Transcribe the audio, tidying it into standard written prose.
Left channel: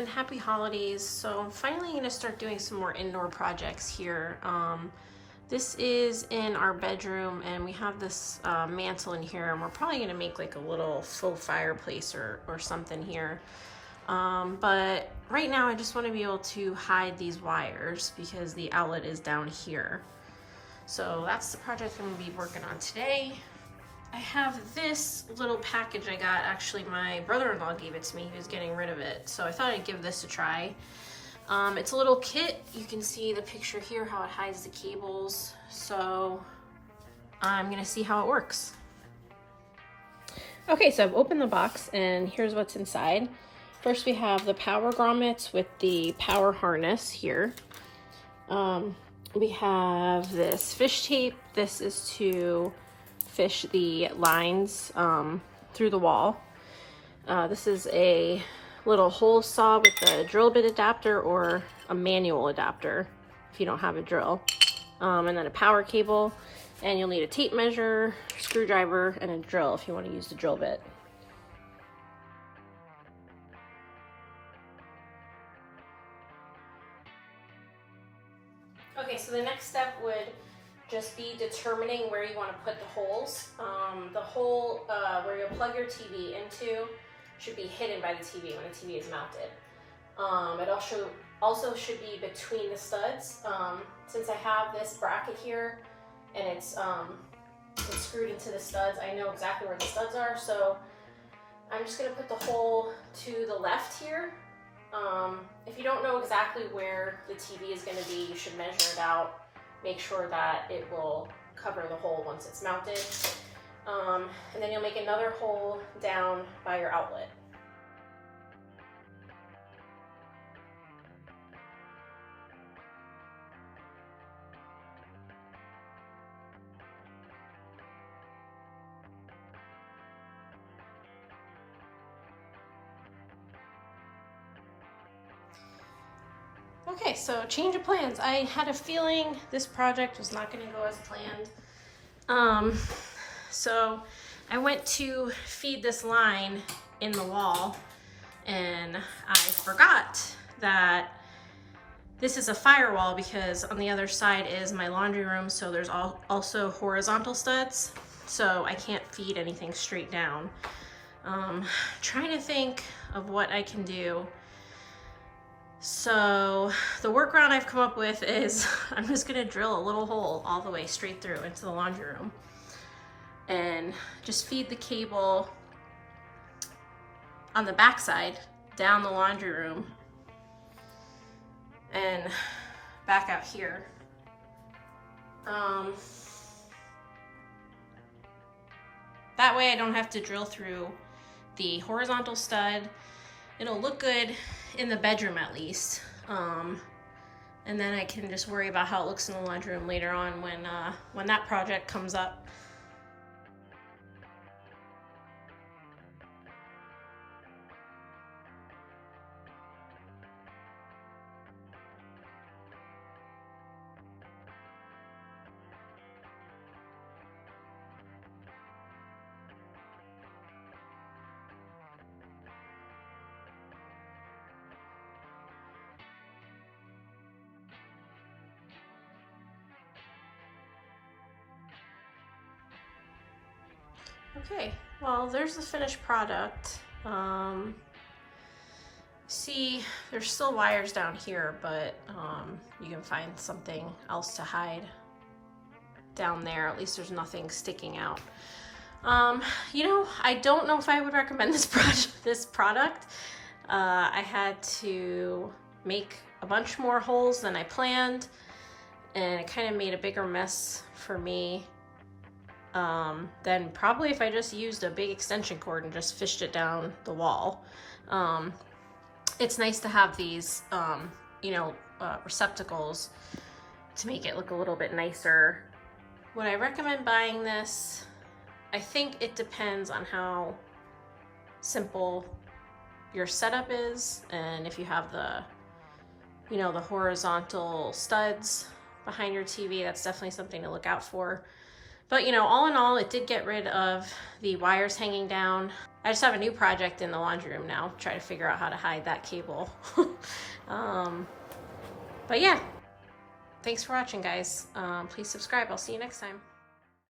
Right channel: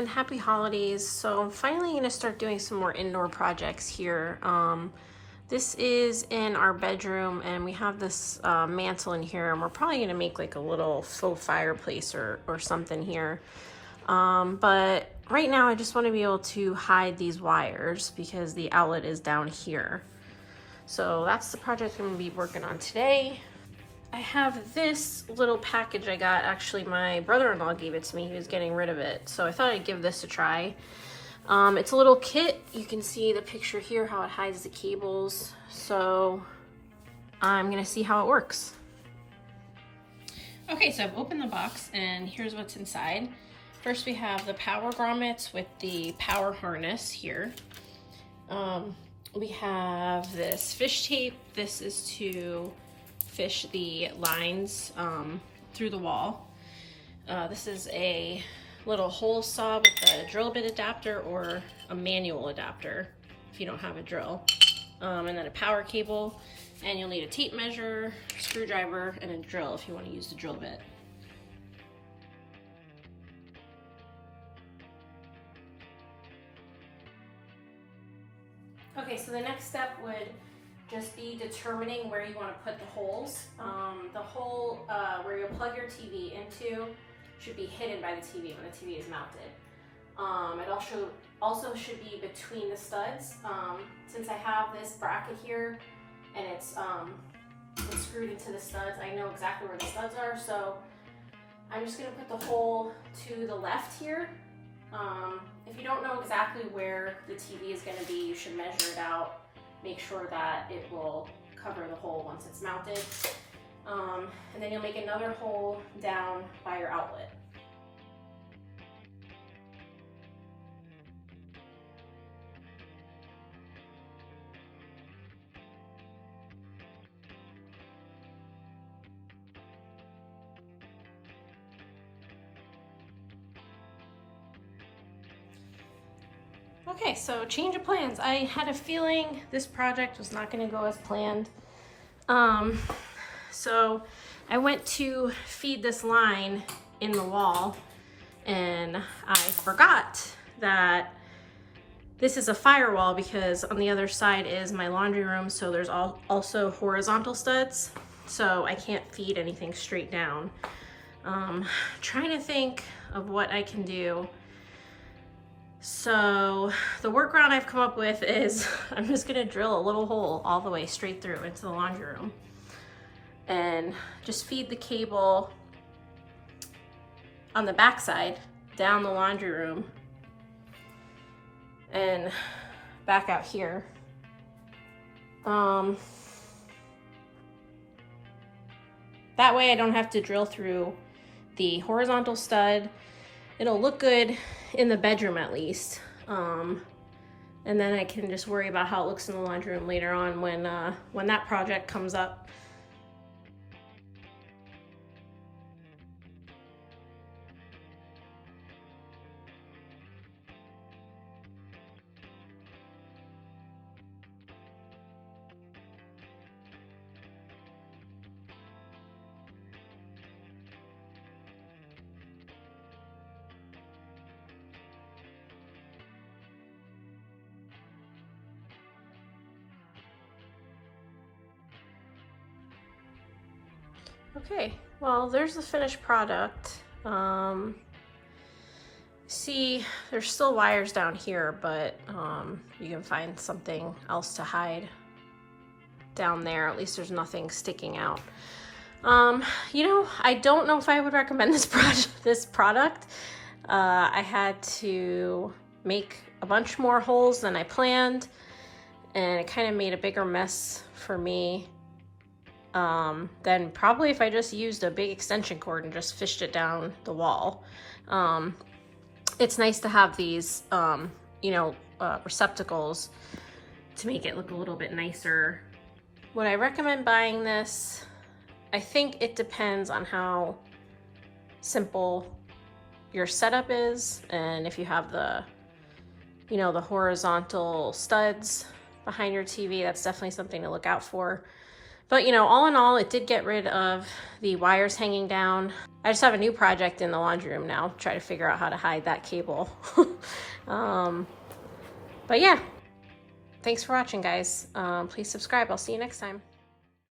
everyone, happy holidays. So I'm finally gonna start doing some more indoor projects here. This is in our bedroom and we have this mantle in here, and we're probably gonna make like a little faux fireplace or something here. But right now I just wanna be able to hide these wires because the outlet is down here. So that's the project I'm gonna be working on today. I have this little package I got. Actually, my brother-in-law gave it to me. He was getting rid of it, so I thought I'd give this a try. It's a little kit. You can see the picture here, how it hides the cables. So I'm gonna see how it works. Okay, so I've opened the box and here's what's inside. First we have the power grommets with the power harness here. We have this fish tape. This is to fish the lines through the wall. This is a little hole saw with a drill bit adapter or a manual adapter if you don't have a drill. And then a power cable, and you'll need a tape measure, screwdriver, and a drill if you want to use the drill bit. Okay, so the next step would just be determining where you want to put the holes. The hole where you'll plug your TV into should be hidden by the TV when the TV is mounted. It also should be between the studs. Since I have this bracket here and it's screwed into the studs, I know exactly where the studs are, so I'm just gonna put the hole to the left here. If you don't know exactly where the TV is gonna be, you should measure it out. Make sure that it will cover the hole once it's mounted. And then you'll make another hole down by your outlet. Okay, so change of plans. I had a feeling this project was not going to go as planned. So I went to feed this line in the wall and I forgot that this is a firewall because on the other side is my laundry room, so there's also horizontal studs, so I can't feed anything straight down. Trying to think of what I can do. So the workaround I've come up with is I'm just gonna drill a little hole all the way straight through into the laundry room and just feed the cable on the back side down the laundry room and back out here. That way I don't have to drill through the horizontal stud. It'll look good in the bedroom at least. And then I can just worry about how it looks in the laundry room later on when that project comes up. Okay, well, there's the finished product. See, there's still wires down here, but you can find something else to hide down there. At least there's nothing sticking out. You know, I don't know if I would recommend this product. I had to make a bunch more holes than I planned, and it kind of made a bigger mess for me than probably if I just used a big extension cord and just fished it down the wall. It's nice to have these, receptacles to make it look a little bit nicer. Would I recommend buying this? I think it depends on how simple your setup is, and if you have the horizontal studs behind your TV, that's definitely something to look out for. But you know, all in all, it did get rid of the wires hanging down. I just have a new project in the laundry room now, try to figure out how to hide that cable. But yeah, thanks for watching, guys. Please subscribe. I'll see you next time.